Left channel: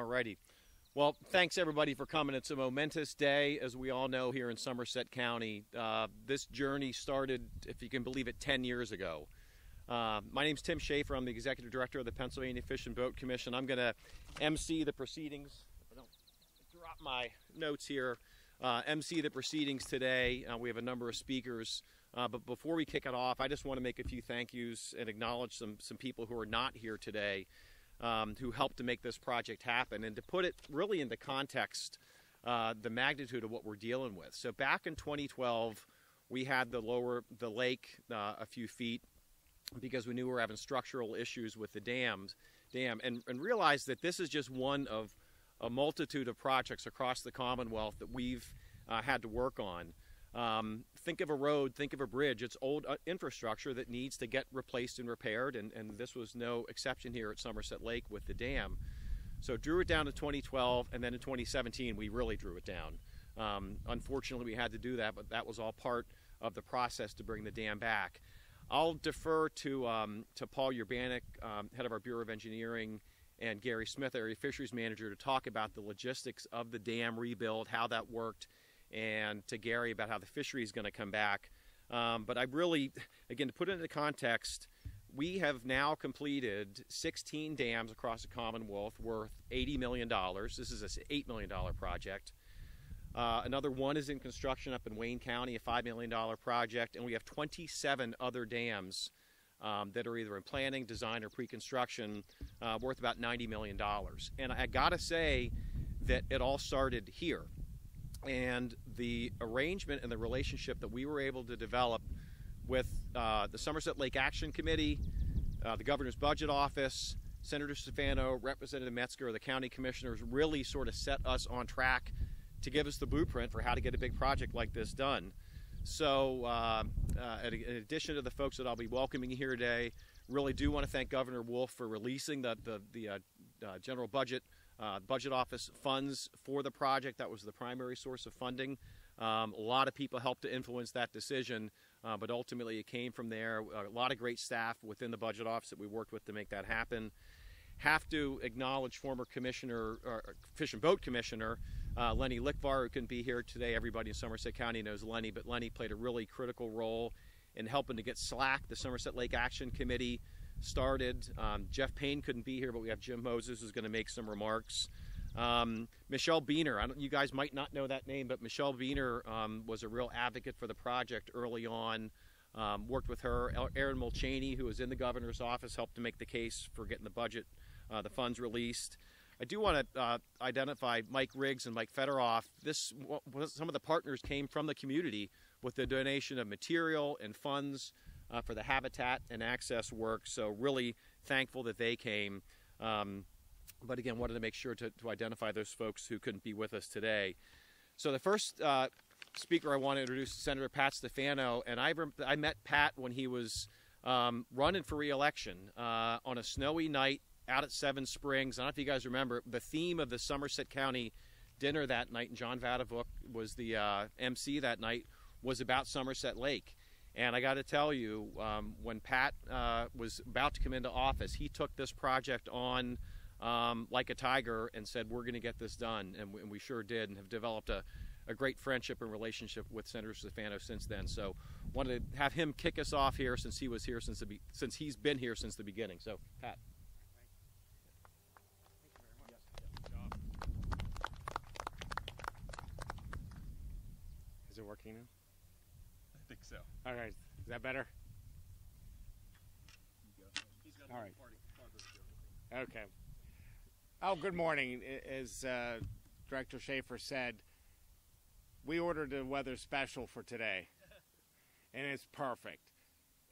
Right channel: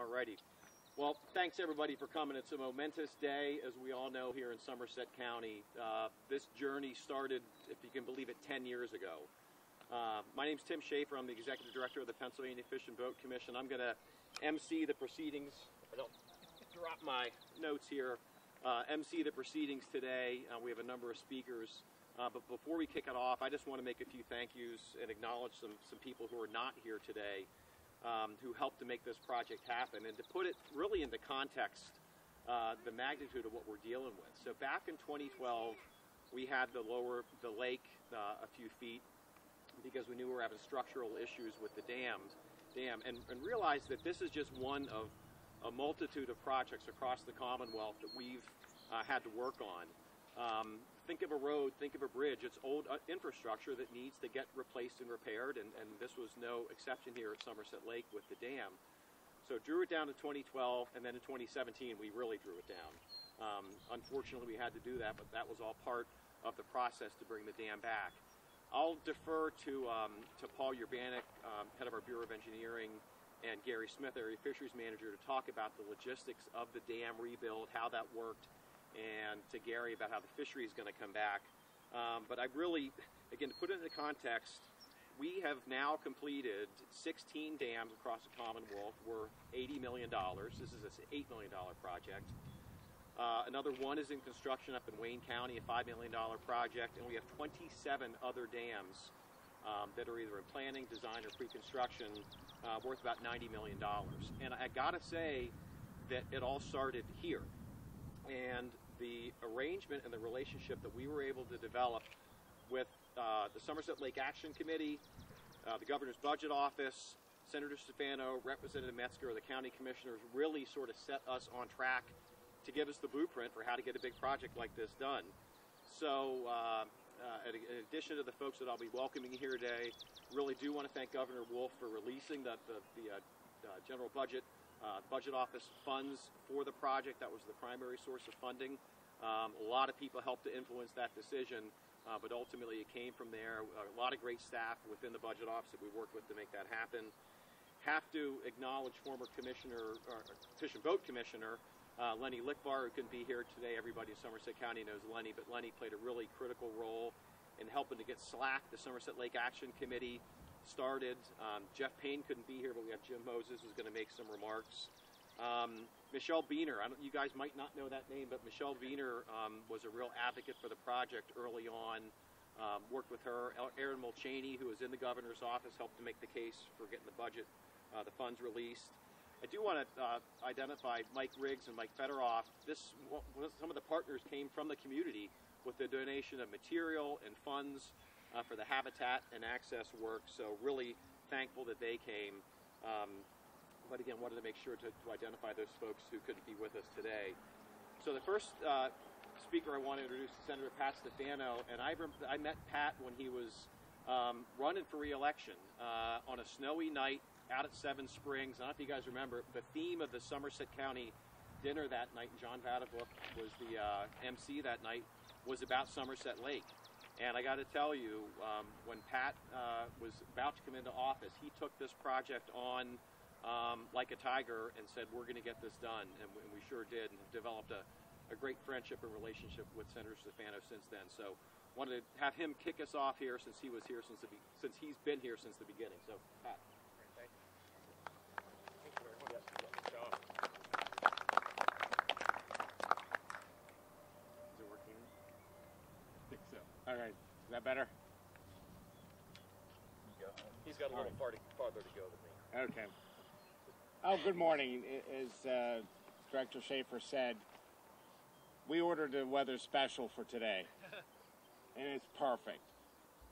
Alrighty. Well, thanks everybody for coming. It's a momentous day, as we all know, here in Somerset County. This journey started, if you can believe it, 10 years ago. My name's Tim Schaefer. I'm the Executive Director of the Pennsylvania Fish and Boat Commission. I'm going to MC the proceedings. I don't drop my notes here. MC the proceedings today. We have a number of speakers. But before we kick it off, I just want to make a few thank yous and acknowledge some people who are not here today, who helped to make this project happen, and to put it really into context, the magnitude of what we're dealing with. So back in 2012, we had to lower the lake a few feet because we knew we were having structural issues with the dam, and realized that this is just one of a multitude of projects across the Commonwealth that we've had to work on. Think of a road, think of a bridge. It's old infrastructure that needs to get replaced and repaired, and this was no exception here at Somerset Lake with the dam. So drew it down to 2012, and then in 2017 we really drew it down. Unfortunately we had to do that, but that was all part of the process to bring the dam back. I'll defer to Paul Urbanik, head of our Bureau of Engineering, and Gary Smith, Area Fisheries Manager, to talk about the logistics of the dam rebuild, how that worked, and to Gary about how the fishery is going to come back. But I really, again, to put it into context, we have now completed 16 dams across the Commonwealth worth $80 million. This is an $8 million project. Another one is in construction up in Wayne County, a $5 million project, and we have 27 other dams that are either in planning, design, or pre-construction, worth about $90 million. And I gotta say that it all started here. And the arrangement and the relationship that we were able to develop with the Somerset Lake Action Committee, the Governor's Budget Office, Senator Stefano, Representative Metzger, the county commissioners, really sort of set us on track to give us the blueprint for how to get a big project like this done. So in addition to the folks that I'll be welcoming here today, really do want to thank Governor Wolf for releasing the general budget office funds for the project. That was the primary source of funding. A lot of people helped to influence that decision, but ultimately it came from there. A lot of great staff within the budget office that we worked with to make that happen. Have to acknowledge former commissioner, Fish and Boat Commissioner, Lenny Lickvar, who couldn't be here today. Everybody in Somerset County knows Lenny, but Lenny played a really critical role in helping to get SLAC, the Somerset Lake Action Committee, started. Jeff Payne couldn't be here, but we have Jim Moses who's going to make some remarks. Michelle Beener, you guys might not know that name, but Michelle Beener was a real advocate for the project early on. Worked with her. Aaron Mulchaney, who was in the governor's office, helped to make the case for getting the budget, the funds released. I do want to identify Mike Riggs and Mike Federoff. Some of the partners came from the community with the donation of material and funds for the habitat and access work, so really thankful that they came. But again, wanted to make sure to identify those folks who couldn't be with us today. So the first speaker I want to introduce is Senator Pat Stefano, and I met Pat when he was running for re-election on a snowy night out at Seven Springs. I don't know if you guys remember, the theme of the Somerset County dinner that night, and John Vadavuk was the MC that night, was about Somerset Lake. And I got to tell you, when Pat was about to come into office, he took this project on like a tiger and said, we're going to get this done. And we sure did, and have developed a great friendship and relationship with Senator Stefano since then. So wanted to have him kick us off here since he was here since he's been here since the beginning. So, Pat. Is it working? I think so. All right, is that better? He's got a little farther to go than me. Okay. Oh, good morning. As Director Schaefer said, we ordered a weather special for today, and it's perfect.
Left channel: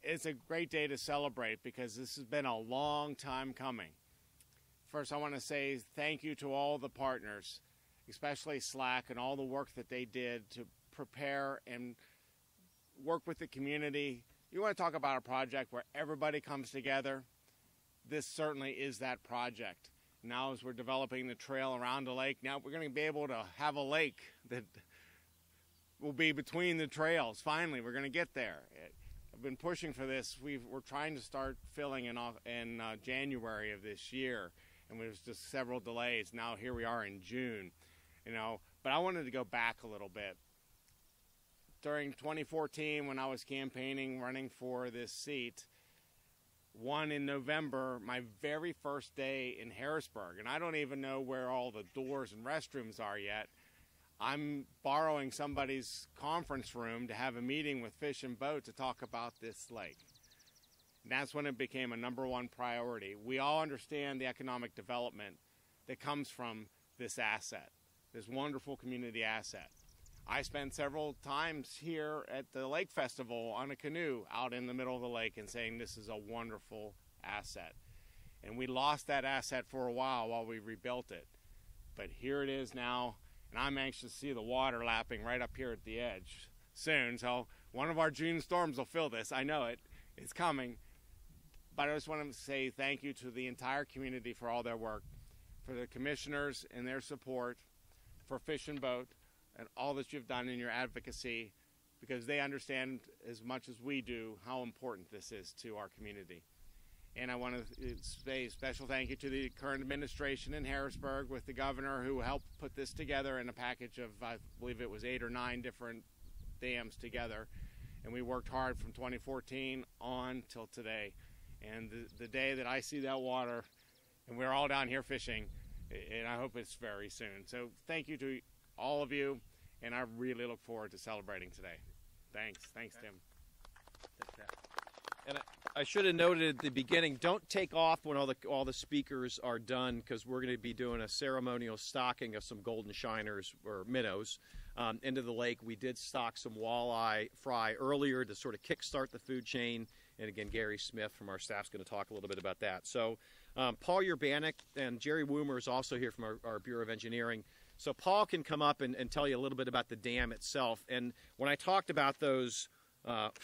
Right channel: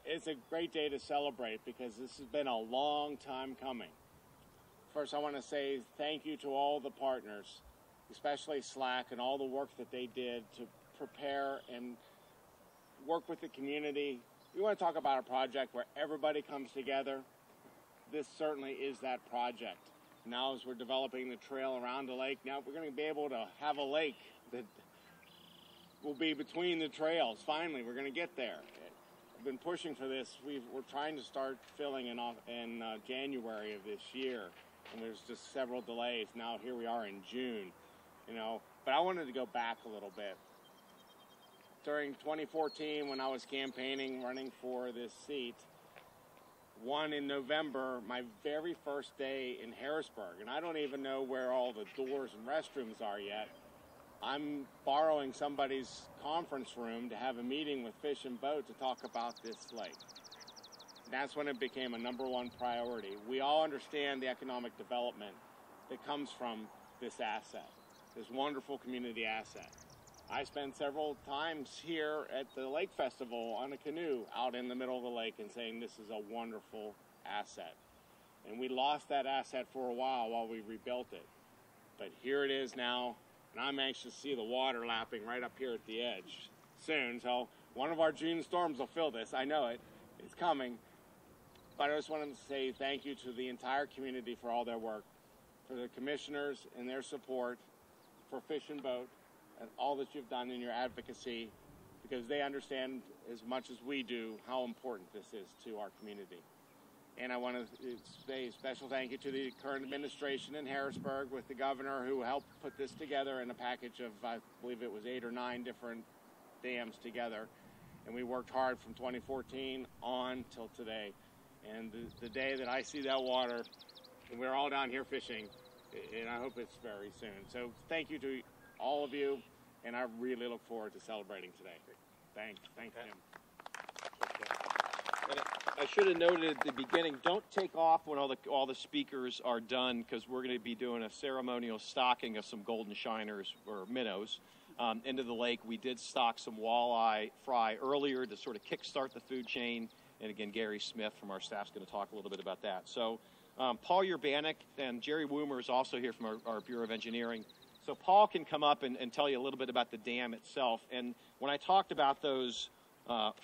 It's a great day to celebrate because this has been a long time coming. First, I want to say thank you to all the partners, especially SLAC, and all the work that they did to prepare and work with the community. You want to talk about a project where everybody comes together? This certainly is that project. Now as we're developing the trail around the lake, now we're going to be able to have a lake that will be between the trails. Finally, we're going to get there. I've been pushing for this. We're trying to start filling in January of this year. and there's just several delays. Now here we are in June, you know. But I wanted to go back a little bit. During 2014, when I was campaigning, running for this seat, won in November, my very first day in Harrisburg, and I don't even know where all the doors and restrooms are yet. I'm borrowing somebody's conference room to have a meeting with Fish and Boat to talk about this lake. And that's when it became a #1 priority. We all understand the economic development that comes from this asset, this wonderful community asset. I spent several times here at the Lake Festival on a canoe out in the middle of the lake and saying this is a wonderful asset. And we lost that asset for a while we rebuilt it. But here it is now, and I'm anxious to see the water lapping right up here at the edge soon. So one of our June storms will fill this. I know it. It's coming. But I just wanted to say thank you to the entire community for all their work, for the commissioners and their support, for Fish and Boat, and all that you've done in your advocacy, because they understand as much as we do how important this is to our community. And I want to say a special thank you to the current administration in Harrisburg with the governor who helped put this together in a package of, I believe it was 8 or 9 different dams together. And we worked hard from 2014 on till today. And the day that I see that water, and we're all down here fishing, and I hope it's very soon. So thank you to all of you, and I really look forward to celebrating today. Thanks, Tim. And I should have noted at the beginning, don't take off when all the speakers are done, because we're going to be doing a ceremonial stocking of some golden shiners, or minnows, into the lake. We did stock some walleye fry earlier to sort of kickstart the food chain, and again, Gary Smith from our staff is going to talk a little bit about that. So Paul Urbanek and Jerry Woomer is also here from our Bureau of Engineering. So Paul can come up and tell you a little bit about the dam itself. And when I talked about those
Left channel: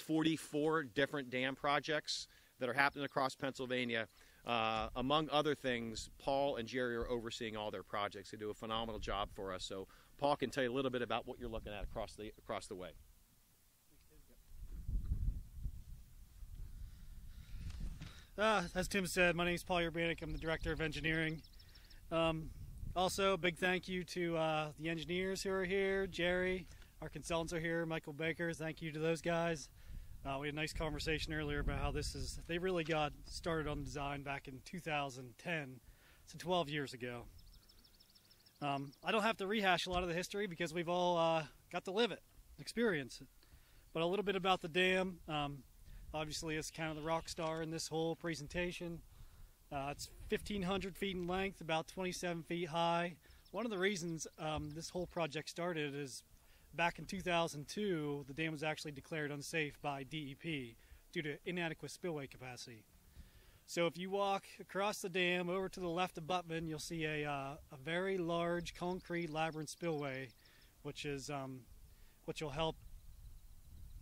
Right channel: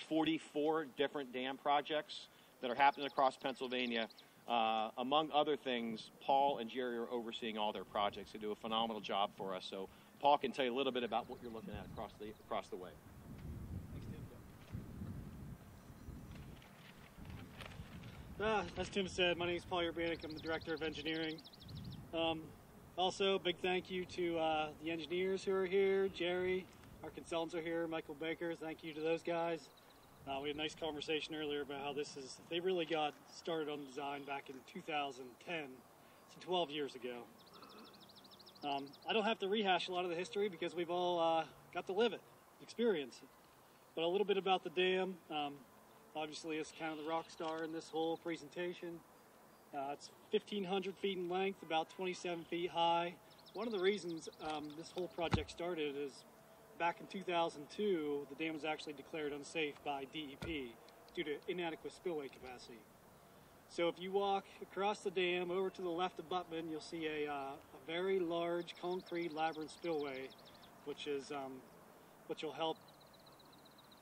44 different dam projects that are happening across Pennsylvania, among other things, Paul and Jerry are overseeing all their projects. They do a phenomenal job for us. So Paul can tell you a little bit about what you're looking at across the way. As Tim said, my name is Paul Urbanek. I'm the Director of Engineering. Also, big thank you to the engineers who are here. Jerry, our consultants are here. Michael Baker, thank you to those guys. We had a nice conversation earlier about how they really got started on design back in 2010, so 12 years ago. I don't have to rehash a lot of the history because we've all got to live it, experience it. But a little bit about the dam. Obviously, it's kind of the rock star in this whole presentation. It's 1,500 feet in length, about 27 feet high. One of the reasons this whole project started is back in 2002, the dam was actually declared unsafe by DEP due to inadequate spillway capacity. So if you walk across the dam over to the left of Buttman, you'll see a very large concrete labyrinth spillway, which will help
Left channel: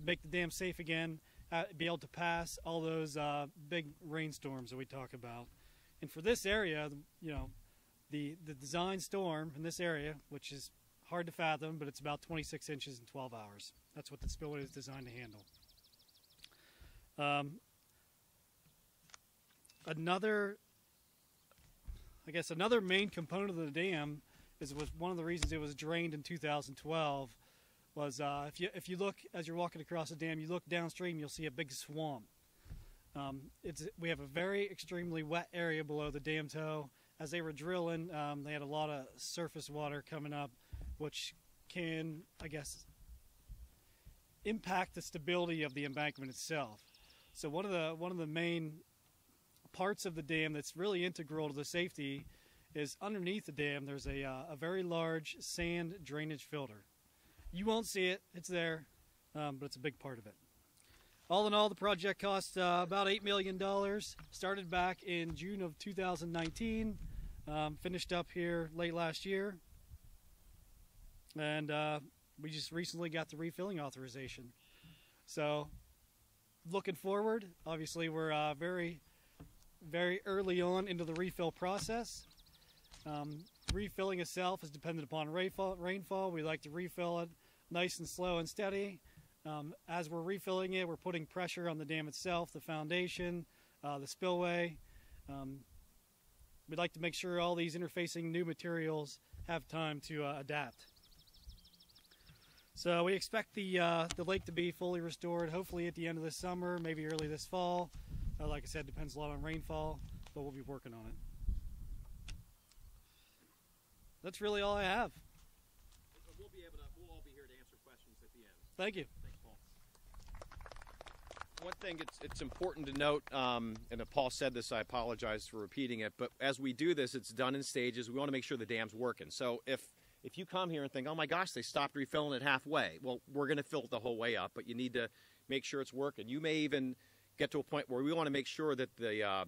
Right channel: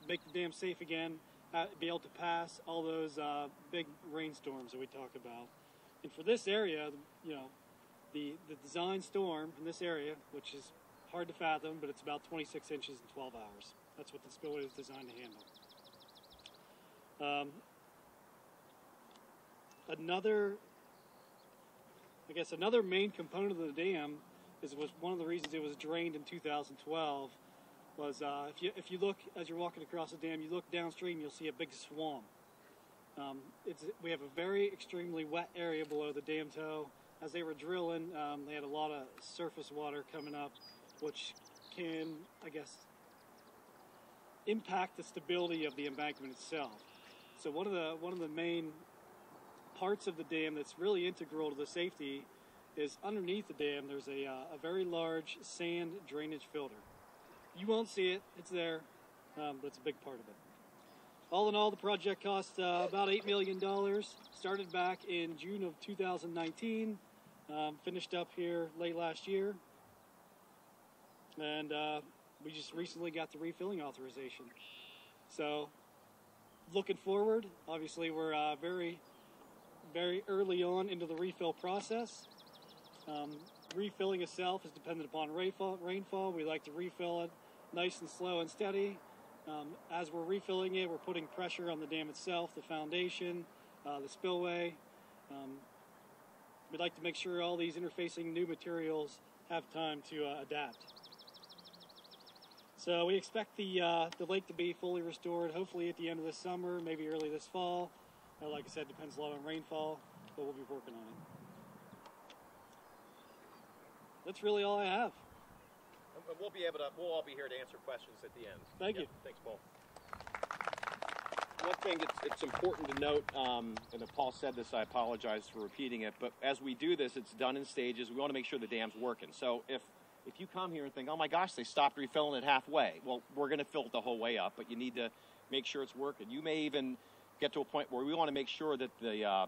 make the dam safe again, be able to pass all those big rainstorms that we talk about. And for this area, you know, the design storm in this area, which is hard to fathom, but it's about 26 inches in 12 hours. That's what the spillway is designed to handle. Another main component of the dam was one of the reasons it was drained in 2012. Was if you look as you're walking across the dam, you look downstream, you'll see a big swamp. We have a very extremely wet area below the dam toe. As they were drilling, they had a lot of surface water coming up, which can, I guess, impact the stability of the embankment itself. So one of the main parts of the dam that's really integral to the safety is underneath the dam. There's a very large sand drainage filter. You won't see it; it's there, but it's a big part of it. All in all, the project cost about $8 million. Started back in June of 2019, finished up here late last year, and we just recently got the refilling authorization. So, looking forward, obviously we're very, very early on into the refill process. Refilling itself is dependent upon rainfall. We like to refill it nice and slow and steady. As we're refilling it, we're putting pressure on the dam itself, the foundation, the spillway. we'd like to make sure all these interfacing new materials have time to adapt. So we expect the lake to be fully restored, hopefully at the end of this summer, maybe early this fall. Like I said, depends a lot on rainfall, but we'll be working on it. That's really all I have. We'll all be here to answer questions at the end. Thank you. Thanks, Paul. One thing it's important to note, and if Paul said this, I apologize for repeating it, but as we do this, it's done in stages. We want to make sure the dam's working. So if you come here and think, oh my gosh, they stopped refilling it halfway, well, we're going to fill it the whole way up, but you need to make sure it's working. You may even get to a point where we want to make sure that the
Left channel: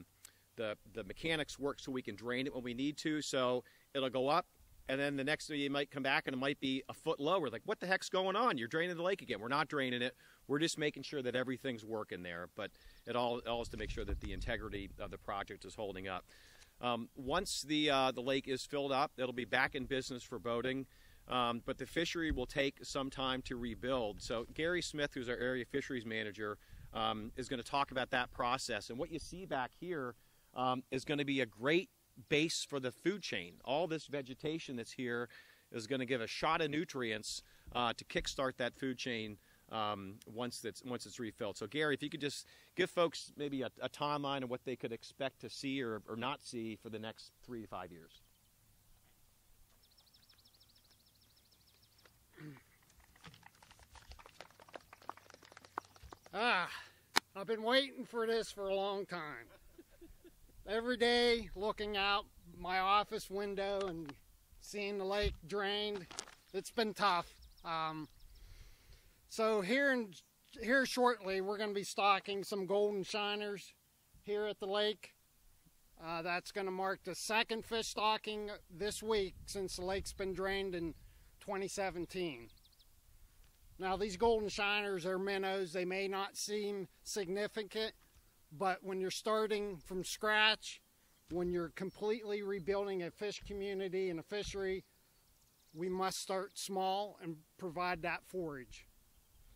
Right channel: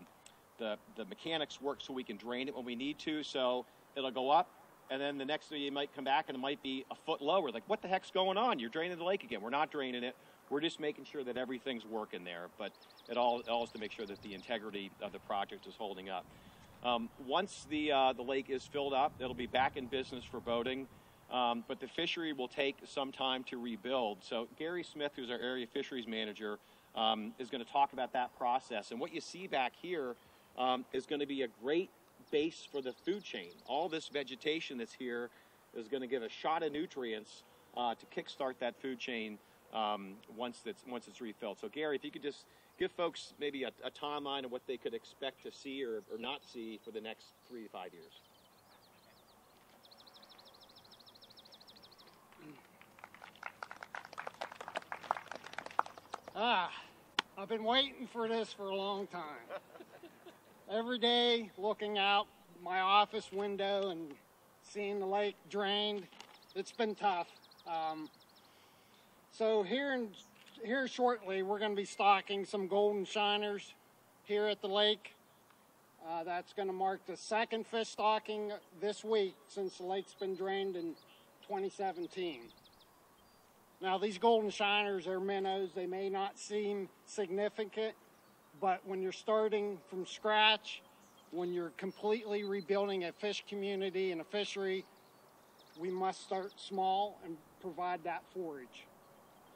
mechanics work so we can drain it when we need to, so it'll go up, and then the next day you might come back and it might be a foot lower. Like, what the heck's going on? You're draining the lake again. We're not draining it. We're just making sure that everything's working there, but it all is to make sure that the integrity of the project is holding up. Once the lake is filled up, it'll be back in business for boating, but the fishery will take some time to rebuild. So Gary Smith, who's our area fisheries manager, is going to talk about that process. And what you see back here is going to be a great base for the food chain. All this vegetation that's here is going to give a shot of nutrients to kickstart that food chain once it's refilled. So Gary, if you could just give folks maybe a timeline of what they could expect to see or not see for the next 3 to 5 years. I've been waiting for this for a long time. Every day looking out my office window and seeing the lake drained, it's been tough. So here shortly we're going to be stocking some golden shiners here at the lake. That's going to mark the second fish stocking this week since the lake's been drained in 2017. Now these golden shiners are minnows. They may not seem significant, but when you're starting from scratch, when you're completely rebuilding a fish community and a fishery, we must start small and provide that forage.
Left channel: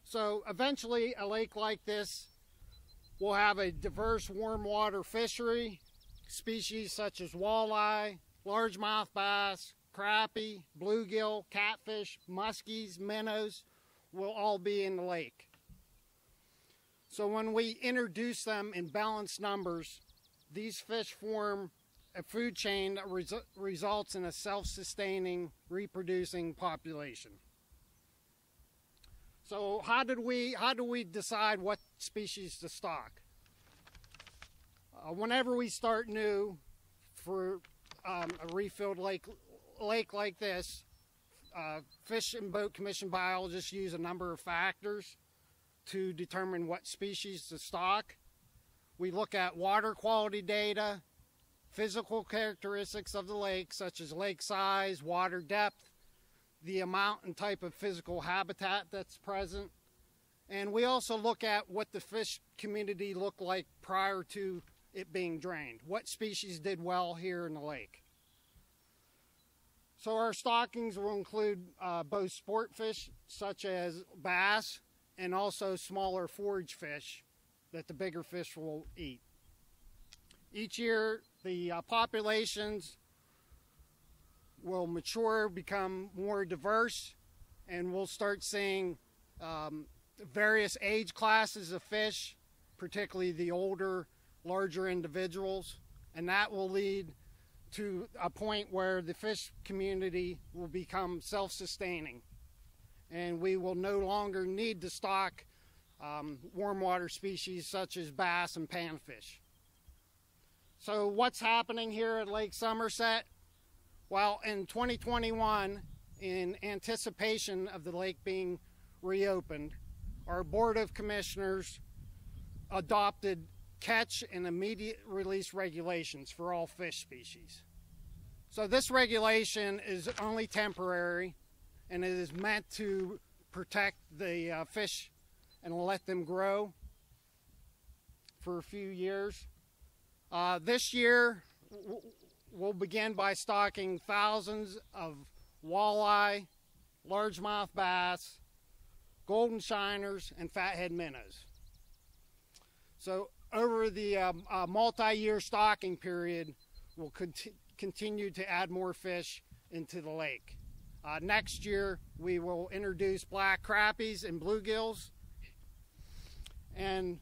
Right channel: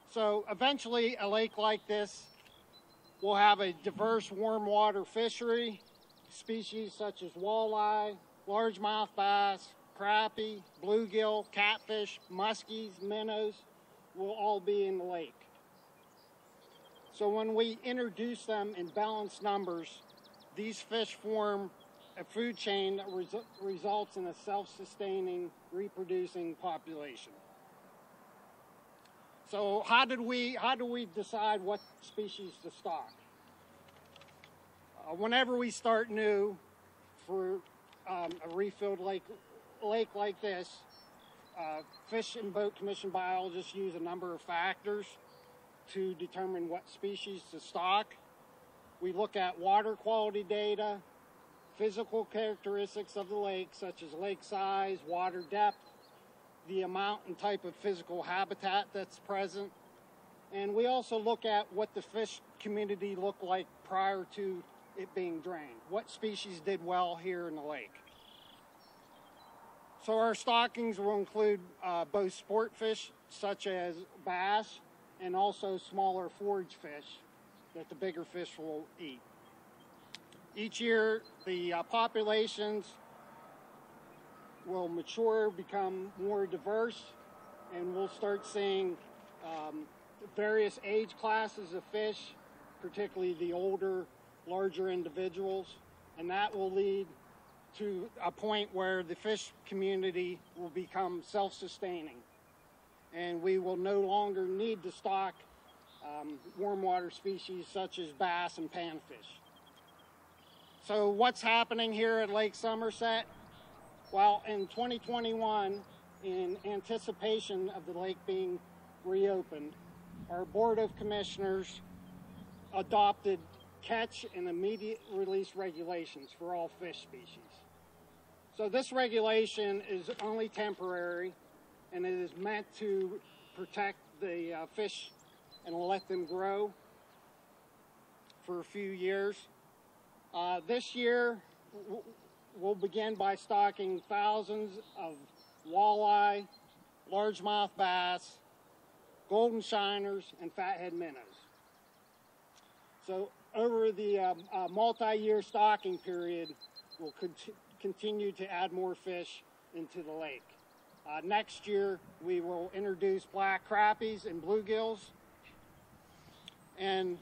So eventually a lake like this will have a diverse warm water fishery. Species such as walleye, largemouth bass, crappie, bluegill, catfish, muskies, minnows will all be in the lake. So when we introduce them in balanced numbers, these fish form a food chain that results in a self-sustaining, reproducing population. So how do we decide what species to stock? Whenever we start new for a refilled lake like this, Fish and Boat Commission biologists use a number of factors to determine what species to stock. We look at water quality data, physical characteristics of the lake, such as lake size, water depth, the amount and type of physical habitat that's present. And we also look at what the fish community looked like prior to it being drained. What species did well here in the lake? So our stockings will include both sport fish, such as bass, and also smaller forage fish that the bigger fish will eat. Each year, the populations will mature, become more diverse, and we'll start seeing various age classes of fish, particularly the older, larger individuals, and that will lead to a point where the fish community will become self-sustaining, and we will no longer need to stock warm water species such as bass and panfish. So what's happening here at Lake Somerset? Well, in 2021, in anticipation of the lake being reopened, our Board of Commissioners adopted catch and immediate release regulations for all fish species. So this regulation is only temporary, and it is meant to protect the fish and let them grow for a few years. This year we'll begin by stocking thousands of walleye, largemouth bass, golden shiners, and fathead minnows. So over the multi-year stocking period, will continue to add more fish into the lake. Next year, we will introduce black crappies and bluegills. And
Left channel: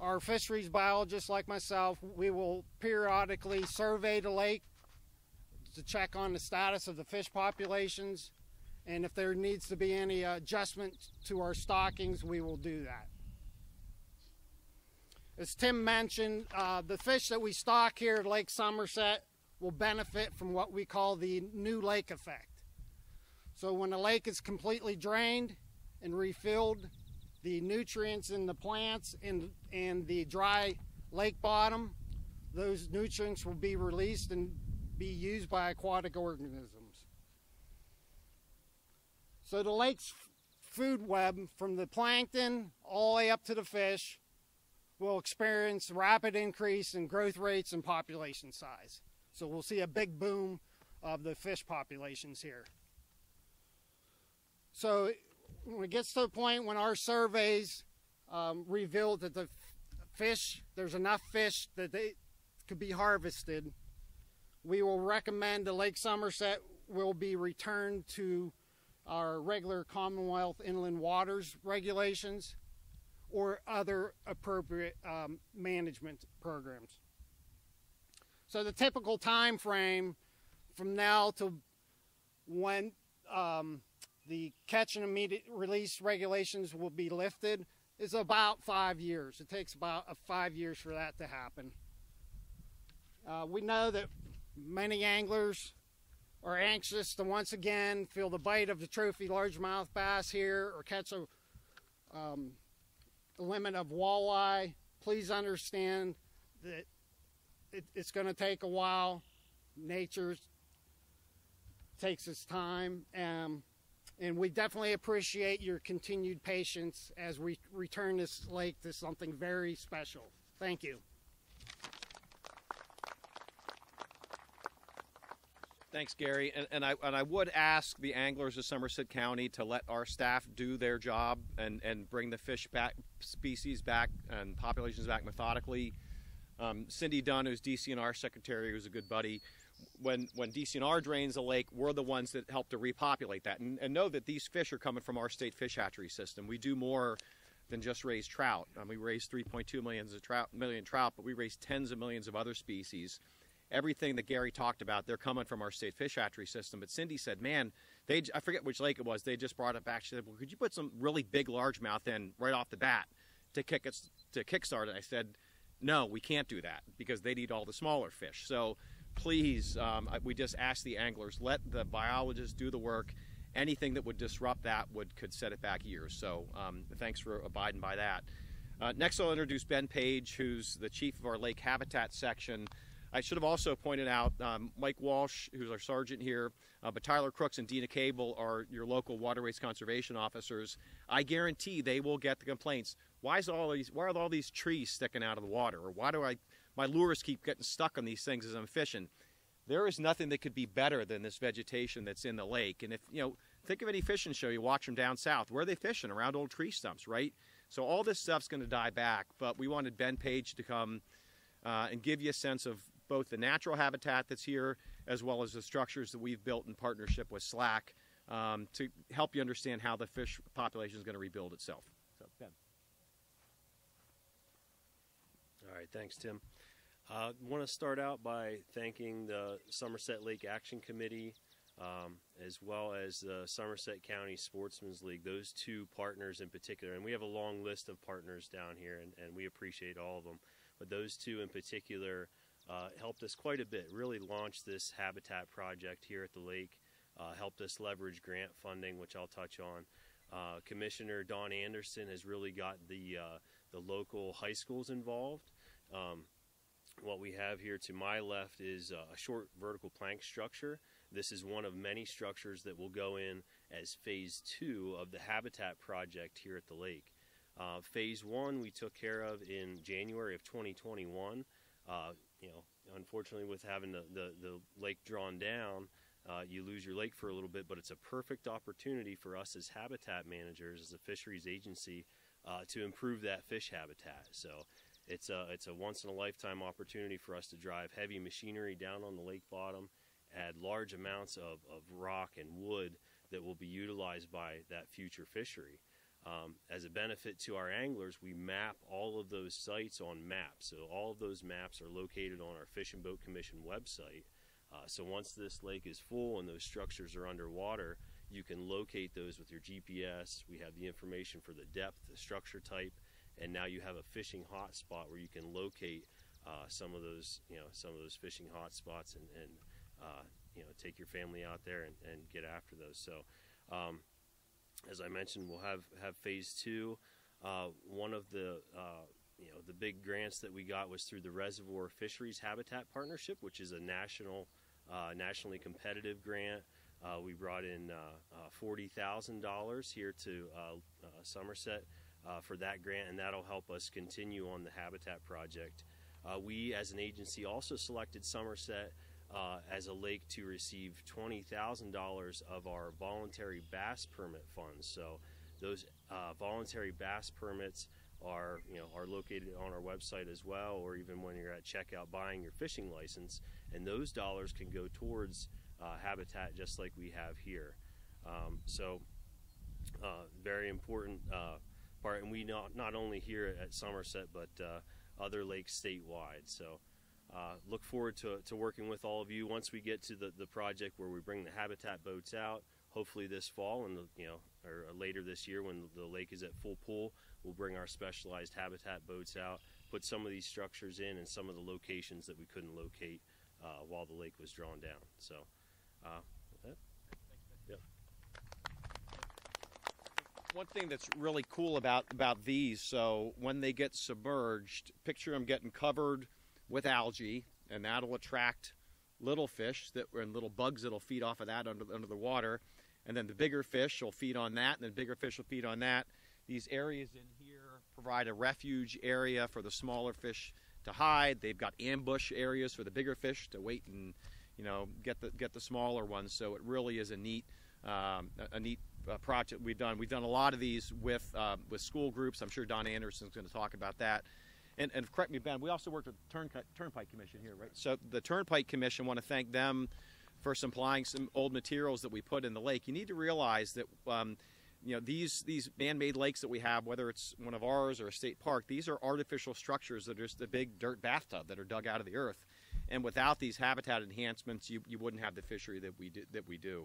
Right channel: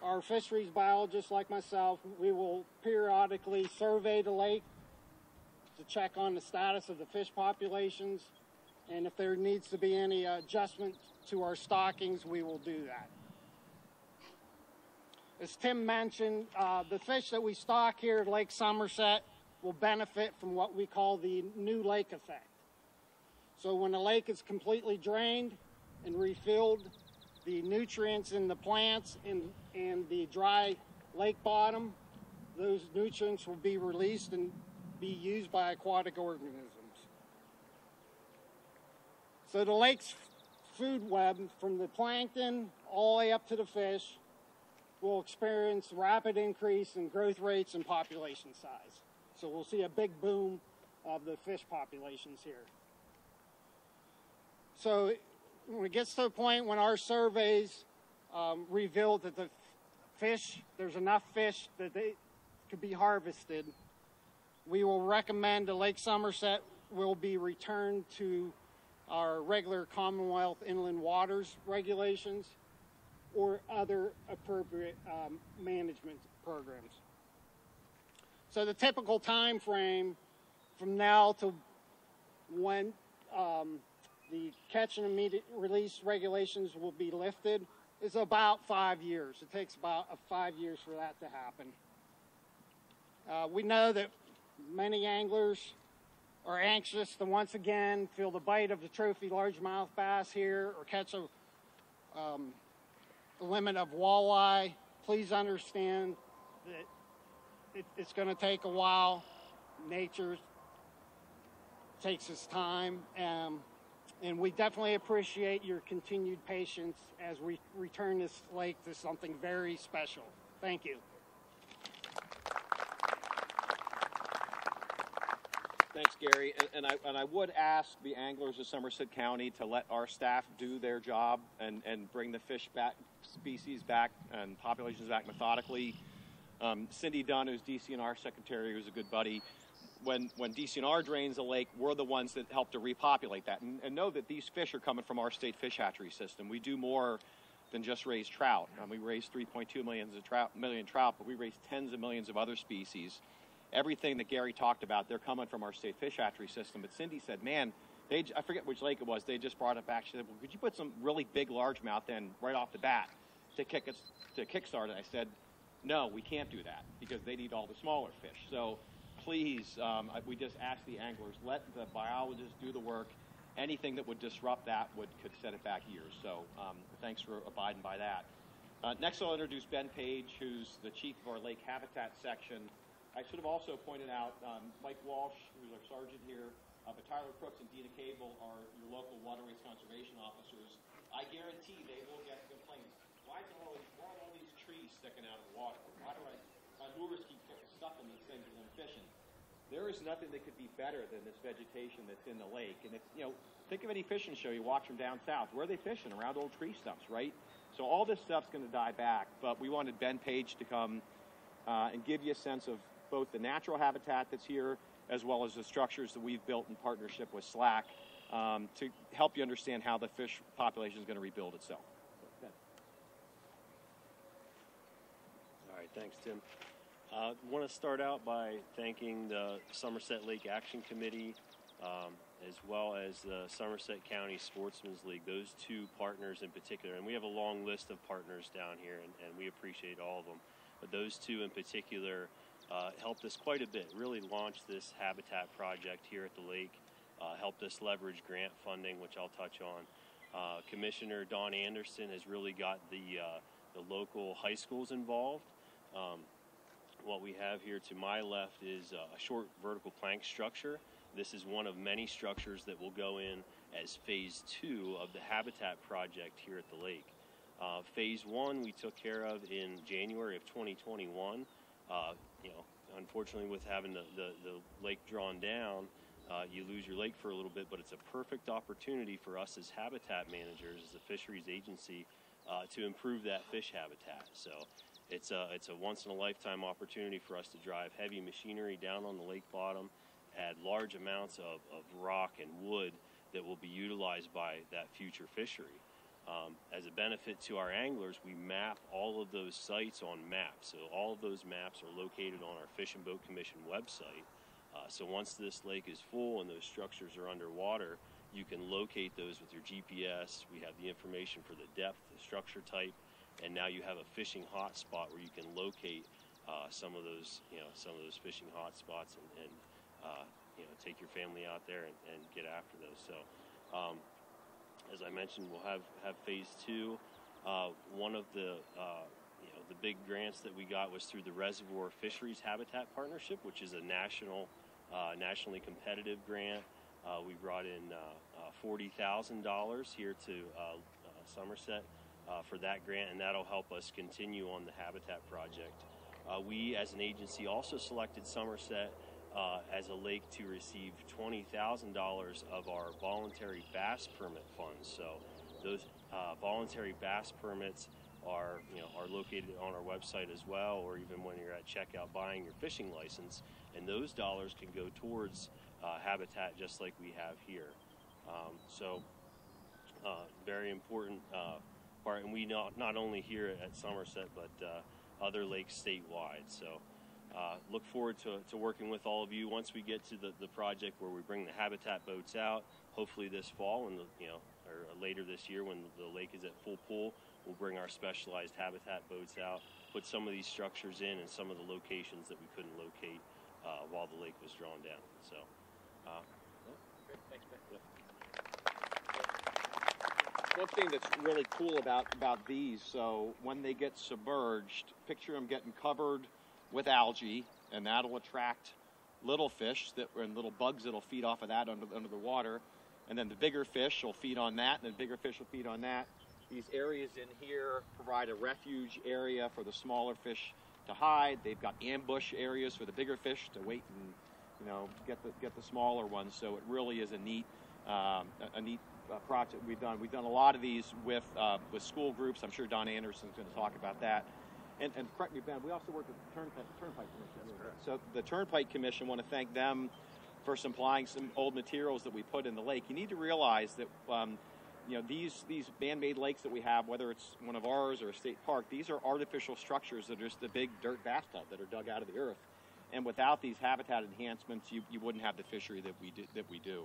our fisheries biologists, like myself, we will periodically survey the lake to check on the status of the fish populations. And if there needs to be any adjustment to our stockings, we will do that. As Tim mentioned, the fish that we stock here at Lake Somerset will benefit from what we call the new lake effect. So when the lake is completely drained and refilled, the nutrients in the plants and the dry lake bottom, those nutrients will be released and be used by aquatic organisms. So the lake's food web, from the plankton all the way up to the fish, will experience rapid increase in growth rates and population size. So we'll see a big boom of the fish populations here. So when it gets to the point when our surveys reveal that the fish, there's enough fish that they could be harvested, we will recommend the Lake Somerset will be returned to our regular Commonwealth inland waters regulations or other appropriate management programs. So the typical time frame from now to when the catch and immediate release regulations will be lifted is about 5 years. It takes about 5 years for that to happen. We know that many anglers are anxious to once again feel the bite of the trophy largemouth bass here or catch the limit of walleye. Please understand that it's going to take a while. Nature takes its time, and we definitely appreciate your continued patience as we return this lake to something very special. Thank you. Thanks, Gary. And I would ask the anglers of Somerset County to let our staff do their job and bring the fish back, species back, and populations back methodically. Cindy Dunn, who's DCNR secretary, who's a good buddy, when DCNR drains the lake, we're the ones that help to repopulate that. And know that these fish are coming from our state fish hatchery system. We do more than just raise trout. We raise 3.2 million trout, but we raise tens of millions of other species. Everything that Gary talked about, they're coming from our state fish hatchery system. But Cindy said, man, I forget which lake it was, they just brought up actually, well, could you put some really big largemouth in right off the bat to kickstart it? I said, no, we can't do that because they eat all the smaller fish. So please, we just ask the anglers, let the biologists do the work. Anything that would disrupt that could set it back years. So thanks for abiding by that. Next I'll introduce Ben Page, who's the chief of our lake habitat section. I should have also pointed out Mike Walsh, who's our sergeant here, but Tyler Crooks and Dina Cable are your local waterways conservation officers. I guarantee they will get the complaints. Why are all these trees sticking out of the water? Or why do my lures keep getting stuck on these things as I'm fishing? There is nothing that could be better than this vegetation that's in the lake. And if think of any fishing show you watch them down south. Where are they fishing? Around old tree stumps, right? So all this stuff's going to die back. But we wanted Ben Page to come and give you a sense of both the natural habitat that's here as well as the structures that we've built in partnership with SLAC to help you understand how the fish population is going to rebuild itself. Okay. All right, thanks, Tim. I want to start out by thanking the Somerset Lake Action Committee as well as the Somerset County Sportsman's League, those two partners in particular. And we have a long list of partners down here, and we appreciate all of them. But those two in particular helped us quite a bit, really launched this habitat project here at the lake, helped us leverage grant funding, which I'll touch on. Commissioner Don Anderson has really got the local high schools involved. What we have here to my left is a short vertical plank structure. This is one of many structures that will go in as phase 2 of the habitat project here at the lake. Phase 1 we took care of in January of 2021. Unfortunately, with having the lake drawn down, you lose your lake for a little bit, but it's a perfect opportunity for us as habitat managers, as a fisheries agency, to improve that fish habitat. So It's a once-in-a-lifetime opportunity for us to drive heavy machinery down on the lake bottom, add large amounts of rock and wood that will be utilized by that future fishery. As a benefit to our anglers, we map all of those sites on maps. So all of those maps are located on our Fish and Boat Commission website. So once this lake is full and those structures are underwater, you can locate those with your GPS. We have the information for the depth, the structure type, and now you have a fishing hotspot where you can locate some of those fishing hotspots and take your family out there and get after those. So. As I mentioned, we'll have phase 2. One of the big grants that we got was through the Reservoir Fisheries Habitat Partnership, which is a nationally competitive grant. We brought in $40,000 here to Somerset for that grant, and that'll help us continue on the habitat project. We, as an agency, also selected Somerset as a lake to receive $20,000 of our voluntary bass permit funds. So those voluntary bass permits are located on our website as well, or even when you're at checkout buying your fishing license, and those dollars can go towards habitat just like we have here. Very important part, and we not only here at Somerset but other lakes statewide. So. Look forward to working with all of you once we get to the project where we bring the habitat boats out. Hopefully this fall, or later this year when the lake is at full pull, we'll bring our specialized habitat boats out, put some of these structures in and some of the locations that we couldn't locate while the lake was drawn down. So, Good. Thanks, Ben. yeah. One thing that's really cool about these, so when they get submerged, picture them getting covered with algae, and that'll attract little fish and little bugs that'll feed off of that under the water, and then the bigger fish will feed on that, and then bigger fish will feed on that. These areas in here provide a refuge area for the smaller fish to hide. They've got ambush areas for the bigger fish to wait and get the smaller ones. So it really is a neat project we've done. We've done a lot of these with school groups. I'm sure Don Anderson's going to talk about that. And correct me, Ben, we also work with the Turnpike Commission here, right? So the Turnpike Commission, want to thank them for supplying some old materials that we put in the lake. You need to realize that these man-made lakes that we have, whether it's one of ours or a state park, these are artificial structures that are just the big dirt bathtub that are dug out of the earth. And without these habitat enhancements, you wouldn't have the fishery that we do.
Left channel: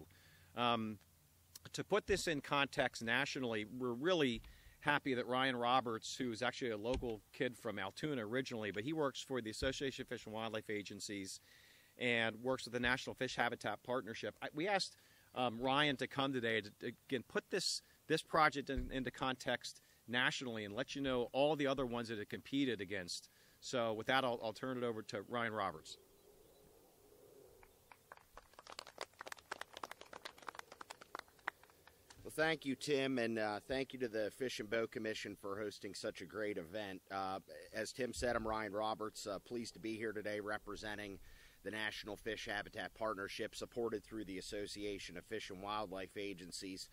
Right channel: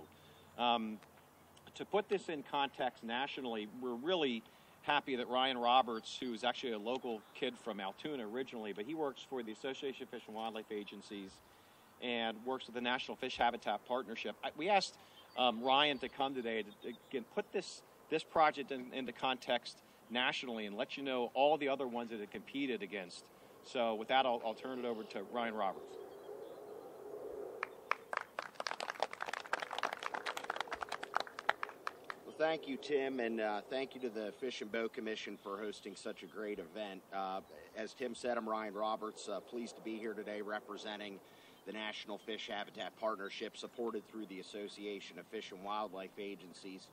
To put this in context nationally, we're really happy that Ryan Roberts, who's actually a local kid from Altoona originally, but he works for the Association of Fish and Wildlife Agencies and works with the National Fish Habitat Partnership. We asked Ryan to come today to again put this project into context nationally and let you know all the other ones that it competed against. So with that, I'll turn it over to Ryan Roberts. Thank you, Tim, and thank you to the Fish and Boat Commission for hosting such a great event. As Tim said, I'm Ryan Roberts, pleased to be here today representing the National Fish Habitat Partnership, supported through the Association of Fish and Wildlife Agencies,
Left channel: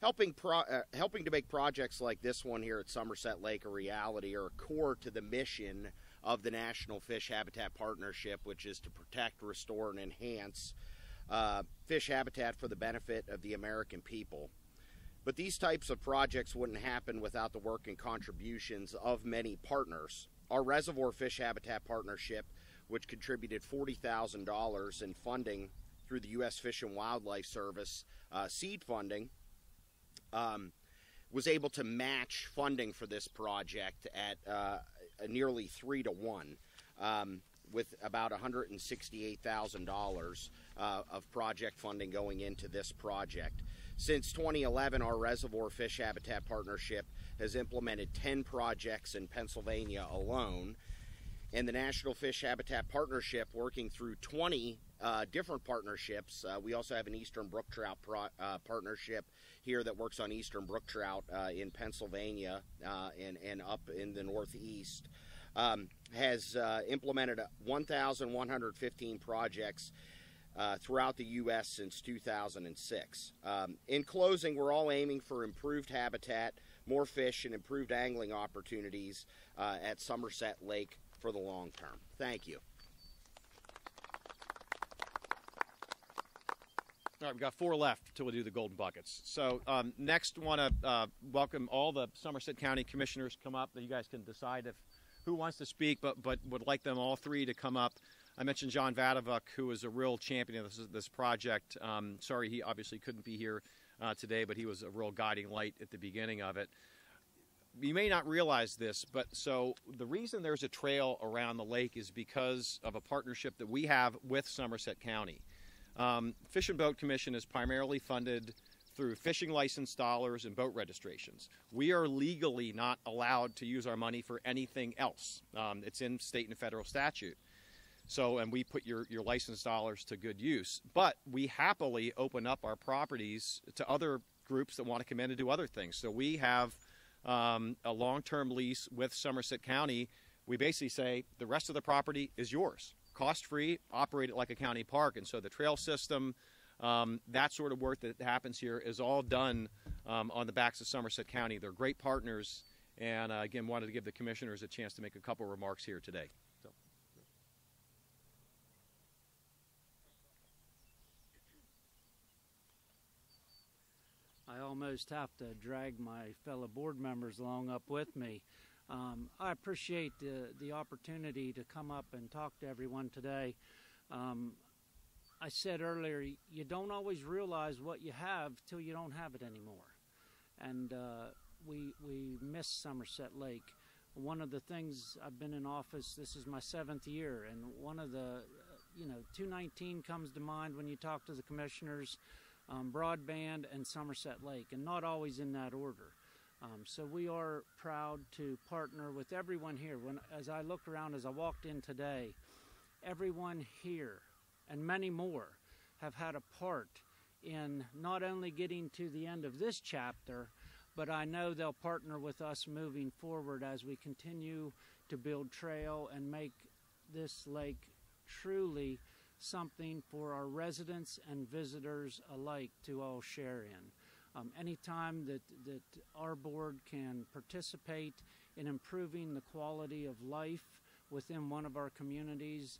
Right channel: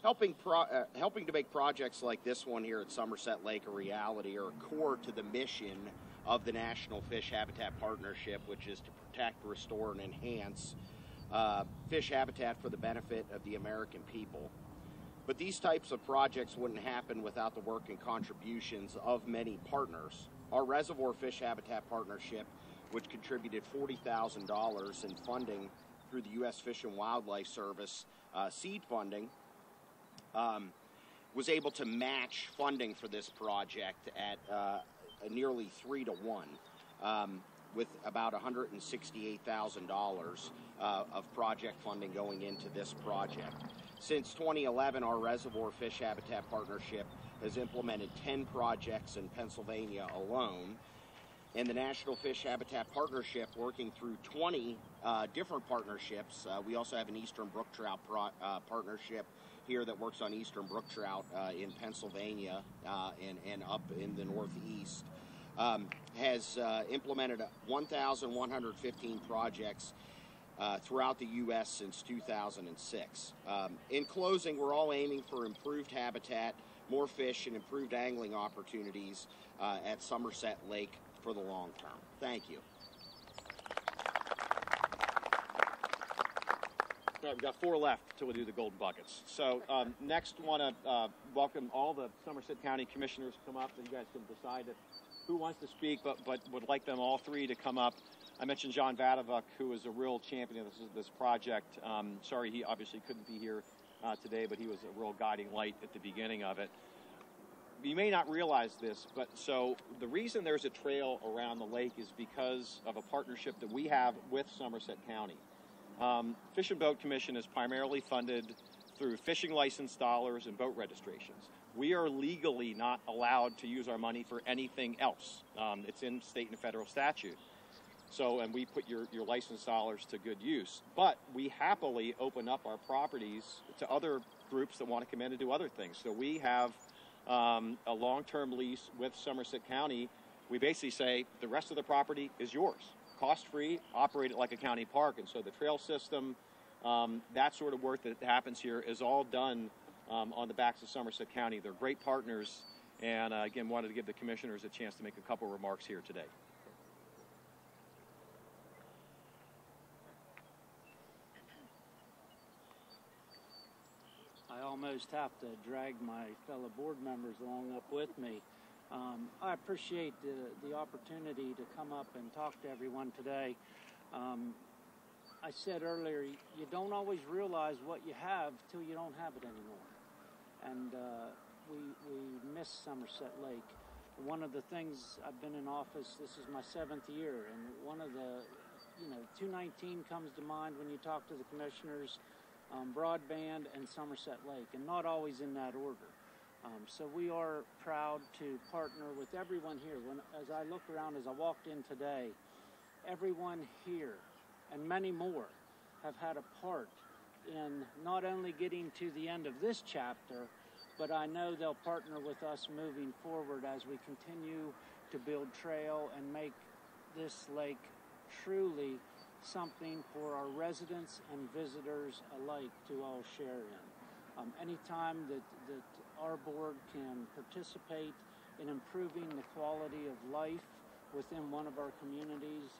helping to make projects like this one here at Somerset Lake a reality, or core to the mission of the National Fish Habitat Partnership, which is to protect, restore, and enhance fish habitat for the benefit of the American people. But these types of projects wouldn't happen without the work and contributions of many partners. Our Reservoir Fish Habitat Partnership, which contributed $40,000 in funding through the U.S. Fish and Wildlife Service seed funding, was able to match funding for this project at nearly 3 to 1, with about $168,000 of project funding going into this project. Since 2011, our Reservoir Fish Habitat Partnership has implemented 10 projects in Pennsylvania alone, and the National Fish Habitat Partnership, working through 20 different partnerships. We also have an Eastern Brook Trout partnership here that works on Eastern Brook Trout in Pennsylvania and up in the Northeast, has implemented 1,115 projects throughout the U.S. since 2006. In closing, we're all aiming for improved habitat, more fish, and improved angling opportunities at Somerset Lake for the long term. Thank you. All right, we've got 4 left until we do the golden buckets. So next, want to welcome all the Somerset County commissioners to come up. You guys can decide who wants to speak, but would like them all 3 to come up. I mentioned John Vadavuk, who is a real champion of this project. Sorry, he obviously couldn't be here today, but he was a real guiding light at the beginning of it. You may not realize this, but so the reason there's a trail around the lake is because of a partnership that we have with Somerset County. Fish and Boat Commission is primarily funded through fishing license dollars and boat registrations. We are legally not allowed to use our money for anything else. It's in state and federal statute. So, and we put your license dollars to good use. But we happily open up our properties to other groups that want to come in and do other things. So we have a long-term lease with Somerset County. We basically say the rest of the property is yours. Cost-free, operate it like a county park. And so the trail system, that sort of work that happens here is all done on the backs of Somerset County. They're great partners. And again, wanted to give the commissioners a chance to make a couple remarks here today. I almost have to drag my fellow board members along up with me. I appreciate the opportunity to come up and talk to everyone today. I said earlier, you don't always realize what you have till you don't have it anymore. And we miss Somerset Lake. One of the things, I've been in office, this is my 7th year, and one of the, 219 comes to mind when you talk to the commissioners, broadband and Somerset Lake, and not always in that order. So we are proud to partner with everyone here. As I look around, as I walked in today, everyone here and many more have had a part in not only getting to the end of this chapter, but I know they'll partner with us moving forward as we continue to build trail and make this lake truly something for our residents and visitors alike to all share in. Anytime that our board can participate in improving the quality of life within one of our communities,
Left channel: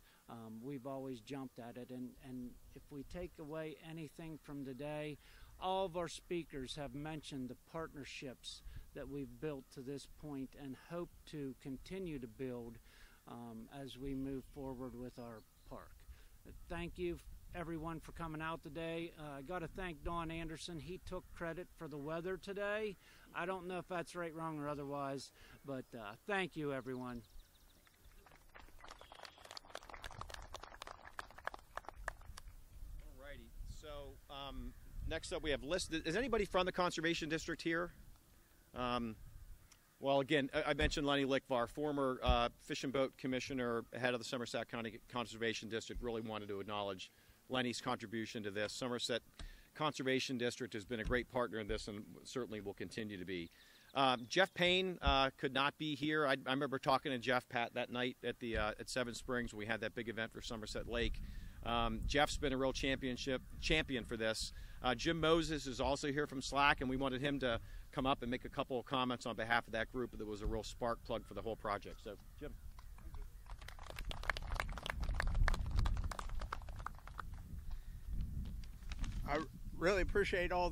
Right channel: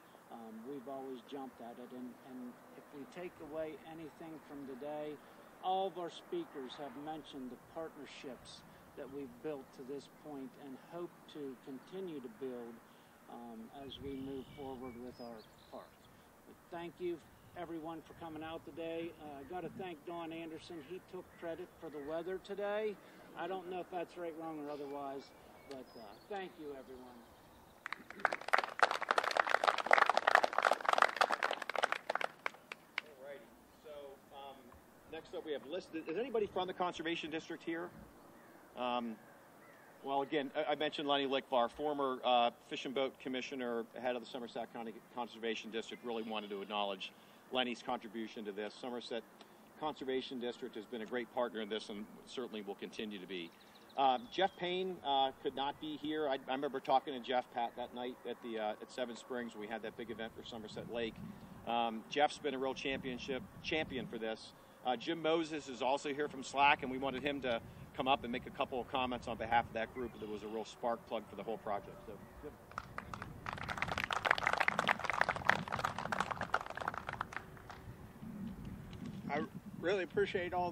we've always jumped at it. And if we take away anything from today, all of our speakers have mentioned the partnerships that we've built to this point and hope to continue to build as we move forward with our park. But thank you everyone for coming out today. I got to thank Don Anderson. He took credit for the weather today. I don't know if that's right, wrong, or otherwise, but thank you, everyone. Alrighty. So next up, we have listed. Is anybody from the Conservation District here? Well, again, I mentioned Lenny Lickvar, former Fish and Boat Commissioner, head of the Somerset County Conservation District. Really wanted to acknowledge Lenny's contribution to this. Somerset Conservation District has been a great partner in this and certainly will continue to be. Jeff Payne could not be here. I remember talking to Jeff, Pat, that night at Seven Springs. We had that big event for Somerset Lake. Jeff's been a real champion for this. Jim Moses is also here from SLAC, and we wanted him to come up and make a couple of comments on behalf of that group. That was a real spark plug for the whole project. So, Jim. I really appreciate all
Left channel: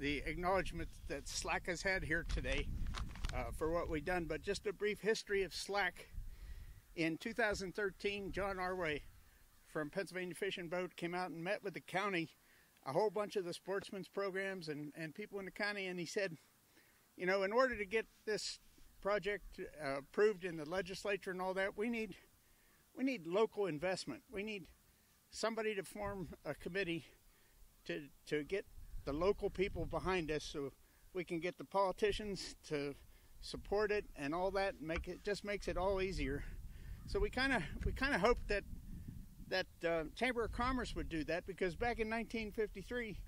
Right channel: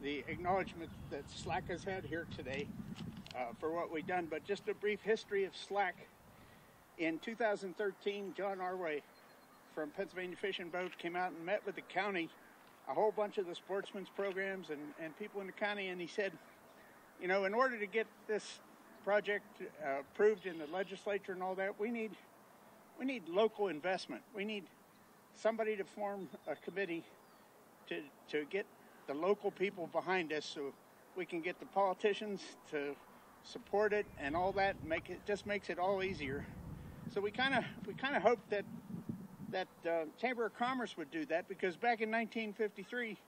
the acknowledgement that SLAC has had here today for what we've done. But just a brief history of SLAC. In 2013, John Arway from Pennsylvania Fish and Boat came out and met with the county, a whole bunch of the sportsmen's programs and people in the county, and he said, in order to get this project approved in the legislature and all that, we need local investment. We need somebody to form a committee to get the local people behind us, so we can get the politicians to support it and all that, and just makes it all easier. So we kind of hoped that Chamber of Commerce would do that, because back in 1953,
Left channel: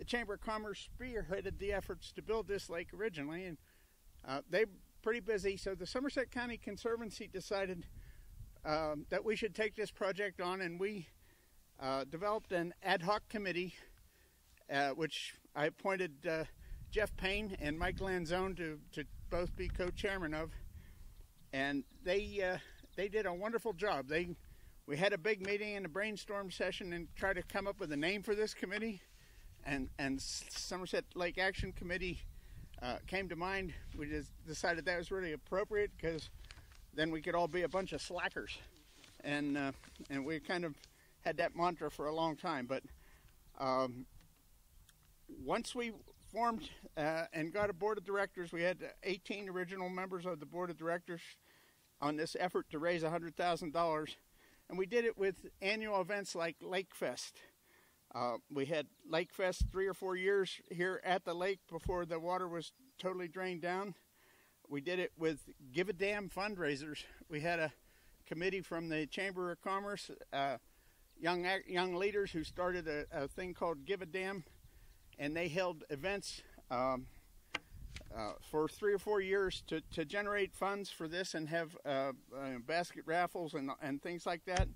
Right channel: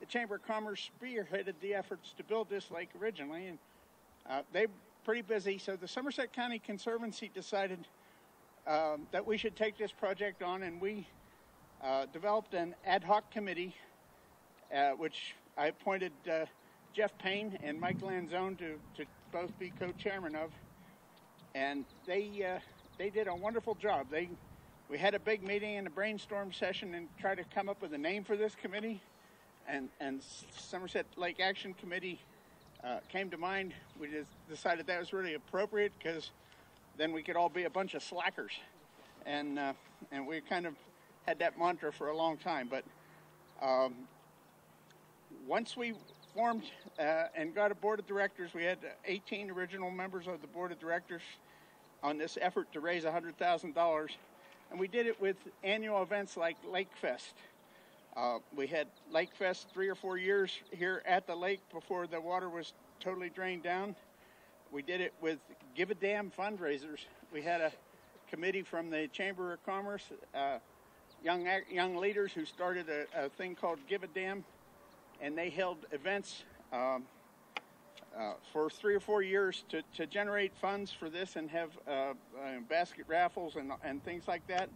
the Chamber of Commerce spearheaded the efforts to build this lake originally, and they're pretty busy. So the Somerset County Conservancy decided that we should take this project on, and we developed an ad hoc committee, which I appointed Jeff Payne and Mike Lanzone to both be co-chairman of. and they did a wonderful job. We had a big meeting and a brainstorm session and tried to come up with a name for this committee, and Somerset Lake Action Committee came to mind. We just decided that was really appropriate because then we could all be a bunch of slackers, and we kind of had that mantra for a long time. But once we formed and got a board of directors, we had 18 original members of the board of directors on this effort to raise $100,000, and we did it with annual events like Lake Fest. We had Lake Fest 3 or 4 years here at the lake before the water was totally drained down. We did it with Give a Damn fundraisers. We had a committee from the Chamber of Commerce, young leaders who started a thing called Give a Damn, and they held events for 3 or 4 years to generate funds for this and have basket raffles and things like that.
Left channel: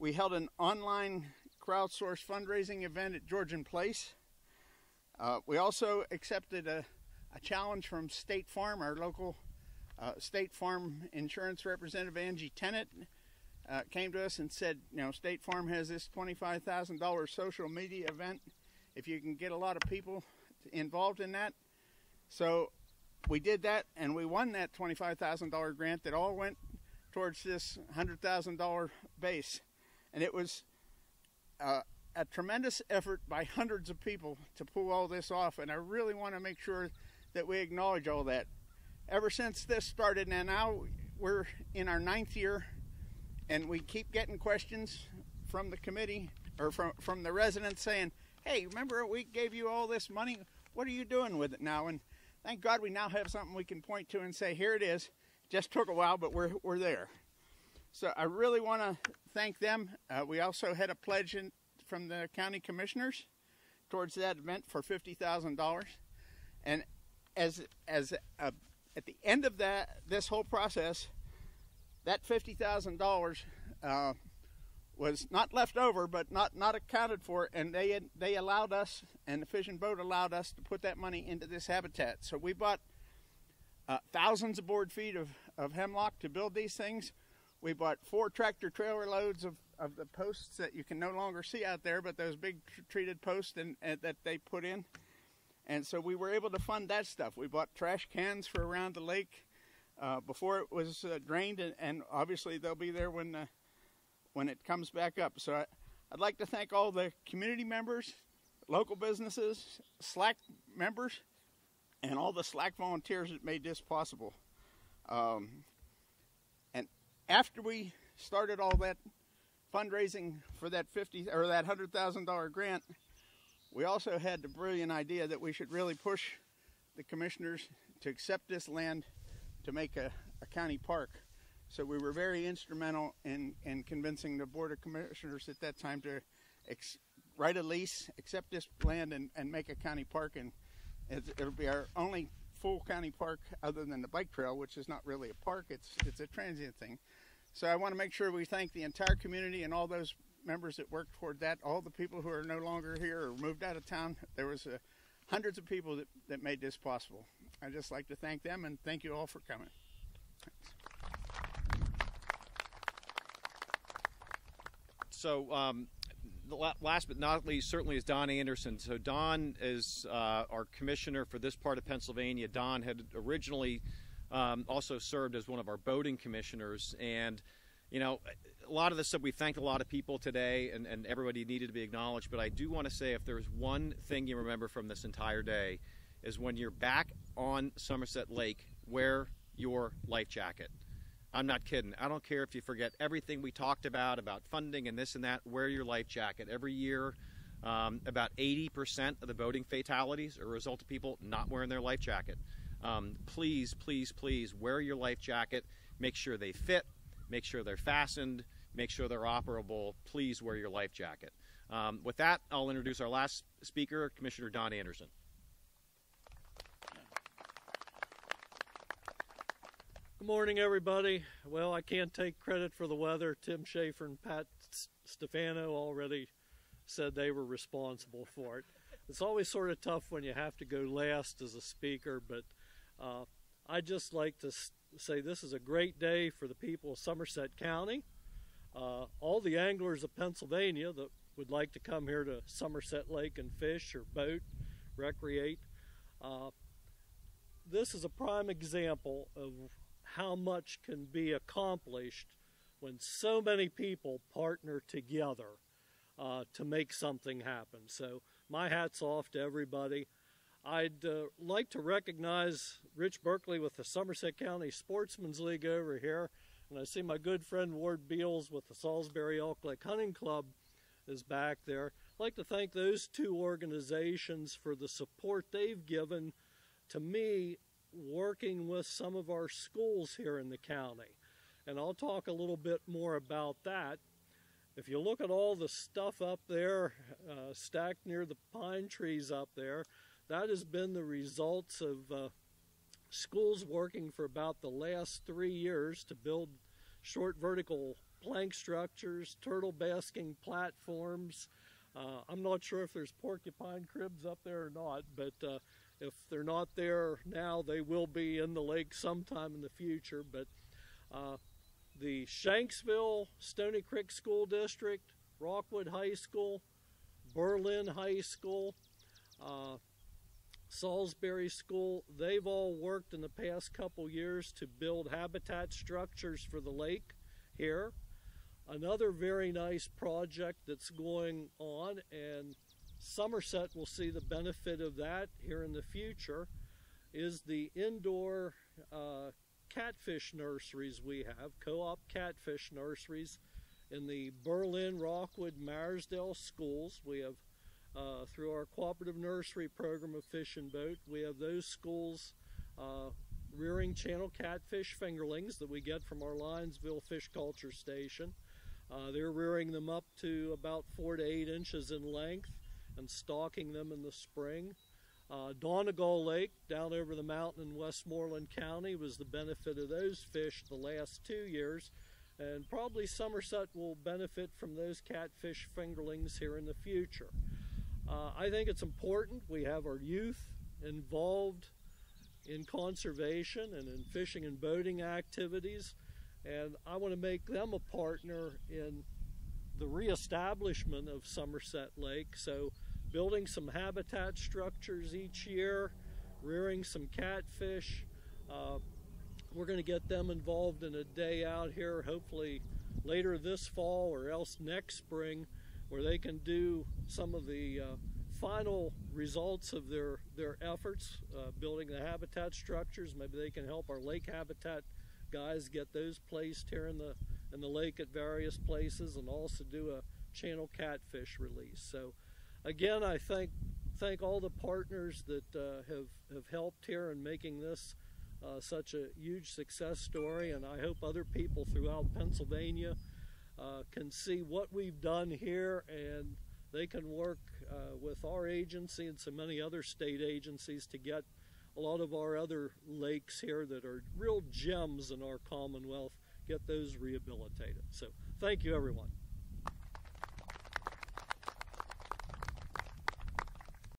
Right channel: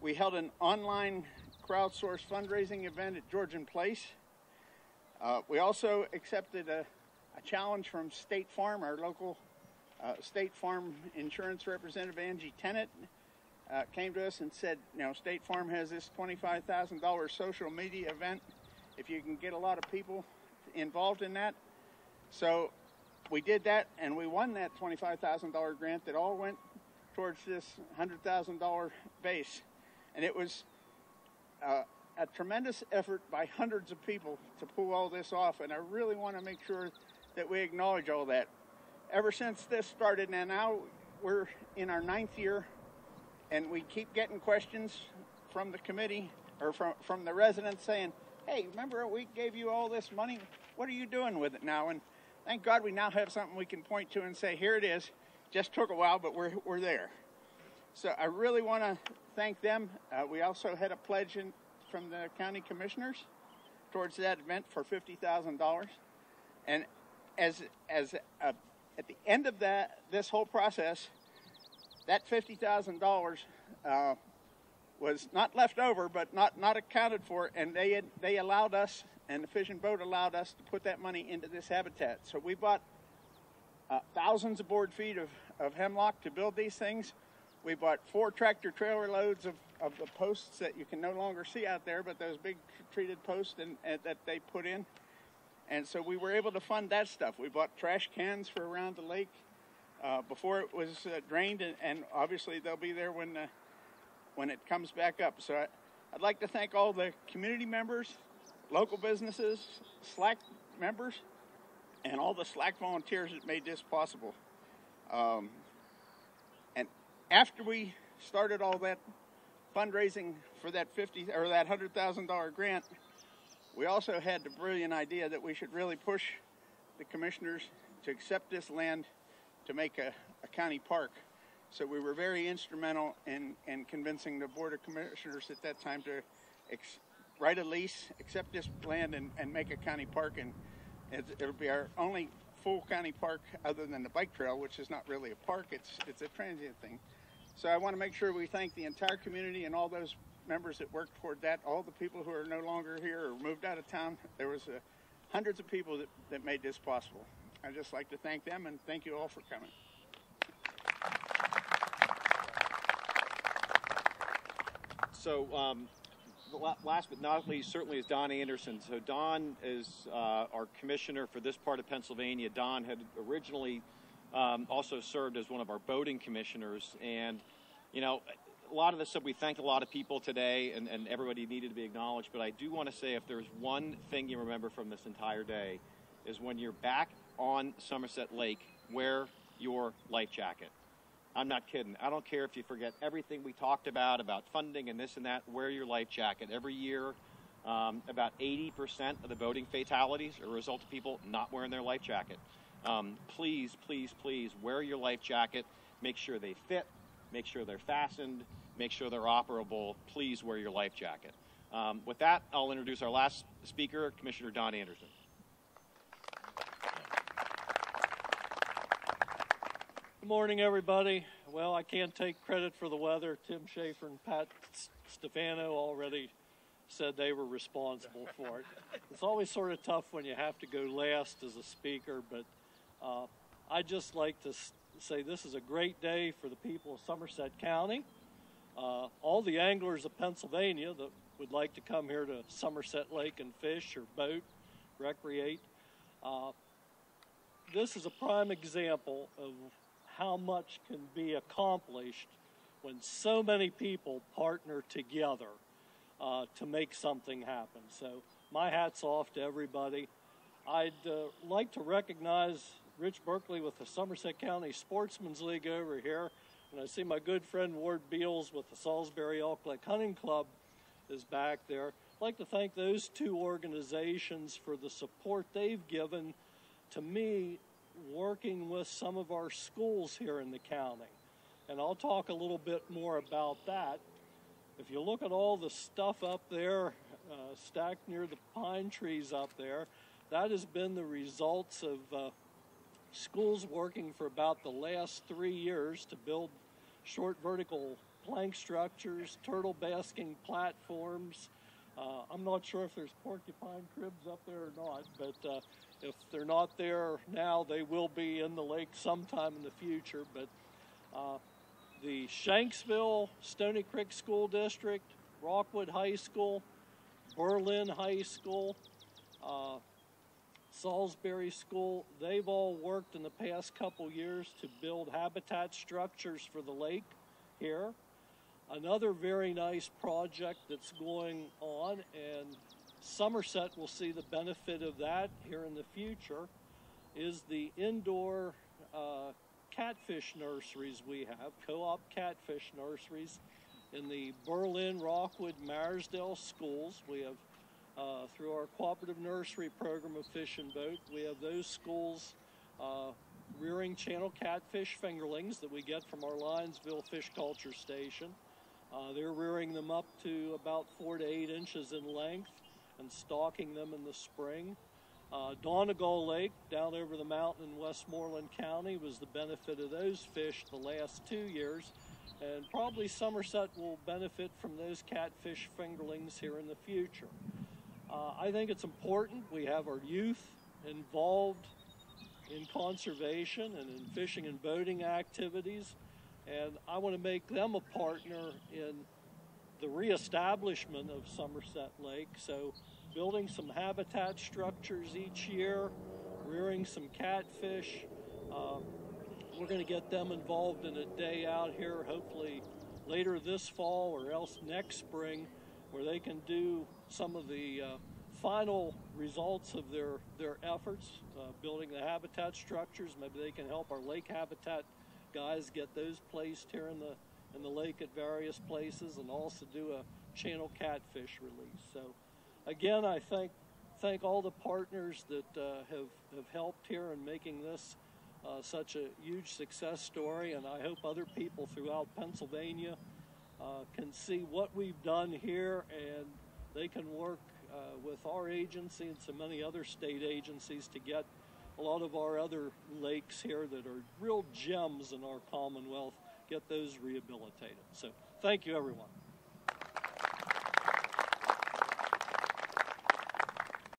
We held an online crowdsourced fundraising event at Georgian Place. We also accepted a challenge from State Farm. Our local State Farm insurance representative, Angie Tennant, came to us and said, State Farm has this $25,000 social media event. If you can get a lot of people involved in that. So we did that, and we won that $25,000 grant that all went towards this $100,000 base. And it was a tremendous effort by hundreds of people to pull all this off, and I really want to make sure that we acknowledge all that. Ever since this started, and now we're in our 9th year, and we keep getting questions from the committee, or from the residents saying, hey, remember we gave you all this money? What are you doing with it now? And thank God we now have something we can point to and say, here it is. Just took a while, but we're there. So I really want to thank them. We also had a pledge from the county commissioners towards that event for $50,000. And at the end of this whole process, that $50,000 was not left over, but not accounted for, and they allowed us, and the Fish and Boat allowed us to put that money into this habitat. So we bought thousands of board feet of hemlock to build these things. We bought 4 tractor trailer loads of the posts that you can no longer see out there, but those big treated posts and that they put in. And so we were able to fund that stuff. We bought trash cans for around the lake before it was drained, and obviously they'll be there when it comes back up. So I'd like to thank all the community members, local businesses, SLAC members, and all the SLAC volunteers that made this possible. And after we started all that fundraising for that $100,000 grant, we also had the brilliant idea that we should really push the commissioners to accept this land to make a county park. So we were very instrumental in convincing the Board of Commissioners at that time to write a lease, accept this land, and make a county park. And it'll be our only full county park other than the bike trail, which is not really a park, it's a transient thing. So I want to make sure we thank the entire community and all those members that worked toward that, all the people who are no longer here or moved out of town. There was hundreds of people that made this possible. I'd just like to thank them, and thank you all for coming. So last but not least certainly is Don Anderson. So Don is our commissioner for this part of Pennsylvania. Don had originally also served as one of our boating commissioners, and a lot of this stuff, we thanked a lot of people today, and everybody needed to be acknowledged, but I do want to say if there's one thing you remember from this entire day is when you're back on Somerset Lake, wear your life jacket. I'm not kidding. I don't care if you forget everything we talked about funding and this and that, wear your life jacket. Every year, about 80% of the boating fatalities are a result of people not wearing their life jacket. Please, please, please wear your life jacket. Make sure they fit. Make sure they're fastened. Make sure they're operable. Please wear your life jacket. With that, I'll introduce our last speaker, Commissioner Don Anderson. Good morning, everybody. Well, I can't take credit for the weather. Tim Schaefer and Pat Stefano already said they were responsible for it. It's always sort of tough when you have to go last as a speaker, but I just like to say this is a great day for the people of Somerset County. All the anglers of Pennsylvania that would like to come here to Somerset Lake and fish or boat, recreate. This is a prime example of how much can be accomplished when so many people partner together to make something happen. So my hat's off to everybody. I'd like to recognize Rich Berkeley with the Somerset County Sportsman's League over here. And I see my good friend Ward Beals with the Salisbury Elk Lake Hunting Club is back there. I'd like to thank those two organizations for the support they've given to me working with some of our schools here in the county. And I'll talk a little bit more about that. If you look at all the stuff up there stacked near the pine trees up there, that has been the results of schools working for about the last 3 years to build short vertical plank structures, turtle basking platforms. I'm not sure if there's porcupine cribs up there or not, but if they're not there now, they will be in the lake sometime in the future. But the Shanksville Stony Creek School District, Rockwood High School, Berlin High School, Salisbury School, they've all worked in the past couple years to build habitat structures for the lake here. Another very nice project that's going on, and Somerset will see the benefit of that here in the future, is the indoor catfish nurseries we have, co-op catfish nurseries in the Berlin, Rockwood, Maresdale schools. We have, through our cooperative nursery program of Fish and Boat, we have those schools rearing channel catfish fingerlings that we get from our Lionsville Fish Culture Station. They're rearing them up to about 4 to 8 inches in length and stocking them in the spring. Donegal Lake, down over the mountain in Westmoreland County, was the benefit of those fish the last 2 years. And probably Somerset will benefit from those catfish fingerlings here in the future. I think it's important we have our youth involved in conservation and in fishing and boating activities, and I want to make them a partner in the reestablishment of Somerset Lake. So building some habitat structures each year, rearing some catfish. We're going to get them involved in a day out here, hopefully later this fall or else next spring, where they can do some of the final results of their efforts, building the habitat structures. Maybe they can help our lake habitat guys get those placed here in the lake at various places, and also do a channel catfish release. So again, I thank all the partners that have helped here in making this such a huge success story, and I hope other people throughout Pennsylvania can see what we've done here, and they can work with our agency and so many other state agencies to get a lot of our other lakes here that are real gems in our Commonwealth, get those rehabilitated. So thank you, everyone.